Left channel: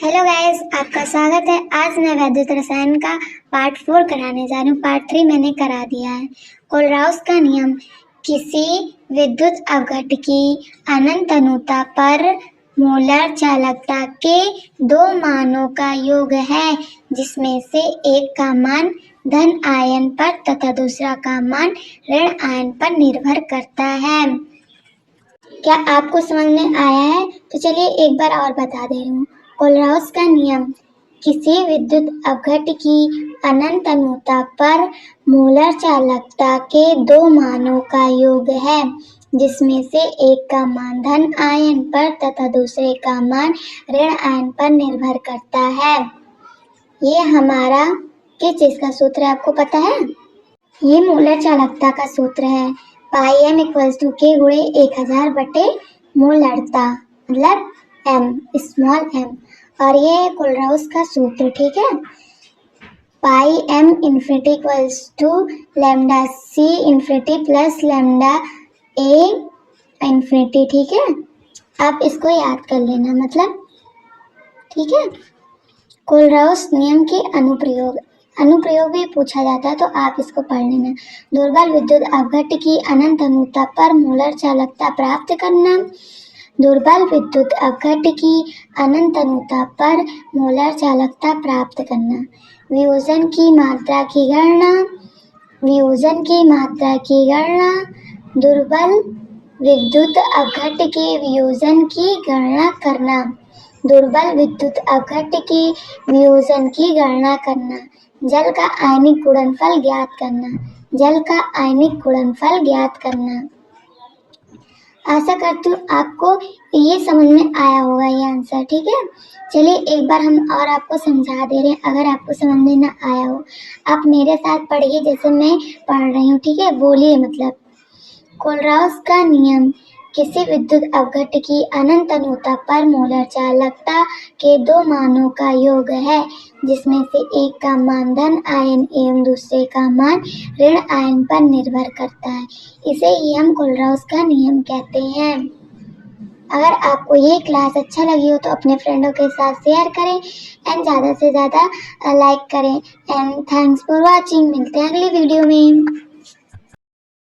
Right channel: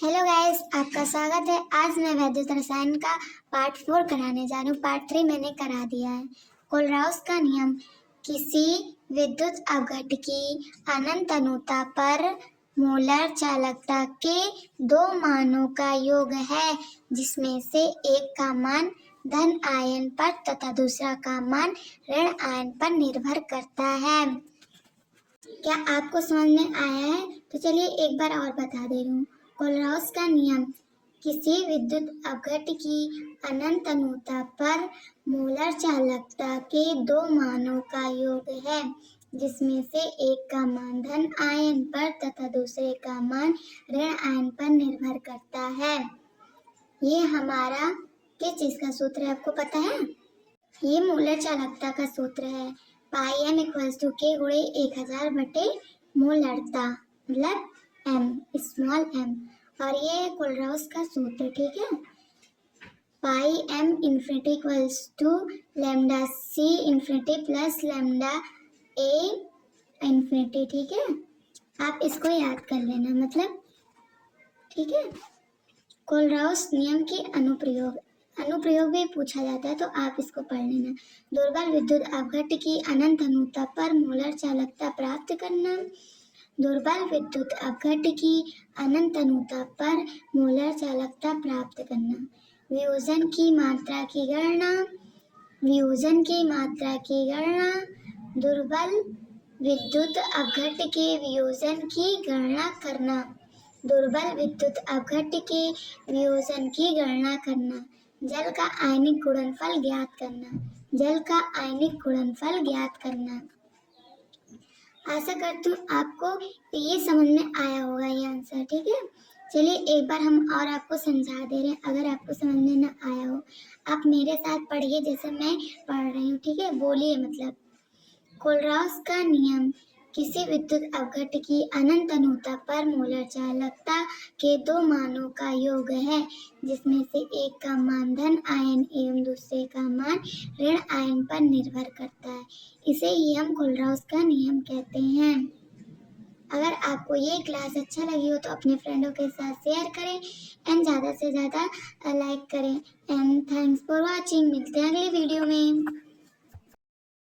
Hello guys, आपका स्वागत है। आज मैं वैद्युत रसायन का पार्ट 4 कराने जा रही हूँ। पार्ट 3 मैंने करा दिया है। कोलराउस का नियम किसी विद्युत अपघट की अनंत अनुता पर मोलर चालकता के दो मानों का योग है, जिसमें से एक का मान धन आयन पर तथा दूसरा का मान ऋण आयन पर निर्भर करता है। क्या आपको समझ में आया है? तो चलिए एक बार और बता दे रही हूँ। कोलराउस का नियम किसी विद्युत अपघट की अनंत अनुता पर मोलर चालकता के दो मानों का योग है, जिसमें से एक का मान धन आयन पर तथा दूसरे का मान ऋण आयन पर निर्भर करता है। ये हमारा किस चीज का सूत्र है, आपको पता है? ये मोलर चालकता का सूत्र है। पाई एम इक्वल्स टू के गुणे 1000 बटे मोलरता, मतलब एम, स्मॉल एम। और ये है कोलराउस का सूत्र, ठीक है। Pi M infinity equals to lambda C infinity plus lambda A infinity, ठीक है। आप इसको याद कर लेना, मतलब ठीक है। कोलराउस नियम के अनुप्रयोग भी पूछा जाता है, तो आप इसको पढ़ लेना। दुर्बल विद्युत अपघट की अनंत अनुता पर मोलर चालकता प्राप्त करना। दुर्बल विद्युत अपघट की अनंत अनुता पर मोलर चालकता प्राप्त करना। वियोजन की मात्रा की गणना। वियोजन की मात्रा की गणना। दुर्बल विद्युत अपघट के वियोजन की गणना करना। दुर्बल विद्युत अपघट के वियोजन की गणना करना। जल का आयनिक गुणनफल ज्ञात करना। जल का आयनिक गुणनफल ज्ञात करना। आशा करती हूँ आपको ये समझ में आया होगा ये आंसर, ठीक है। चलिए एक बार हम और आपको समझा दे रहे हैं, अगर आपको समझ में ना आया हो आप मेरे साथ पढ़िए जैसे मैं पढ़ रही हूँ, ठीक है। बोलिए, मतलब कोलराउस का नियम किसी विद्युत अपघट की अनंत अनुता पर मोलर चालकता के दो मानों का योग है, जिसमें से एक का मान धन आयन एवं दूसरे का मान ऋण आयन पर निर्भर करता है। इसे ही हम कोलराउस का नियम कहते हैं। अगर आपको ये क्लास अच्छा लगी हो तो अपने फ्रेंडों के साथ शेयर करें एंड ज़्यादा से ज़्यादा लाइक करें। And thanks for watching. मिलते हैं अगली वीडियो में।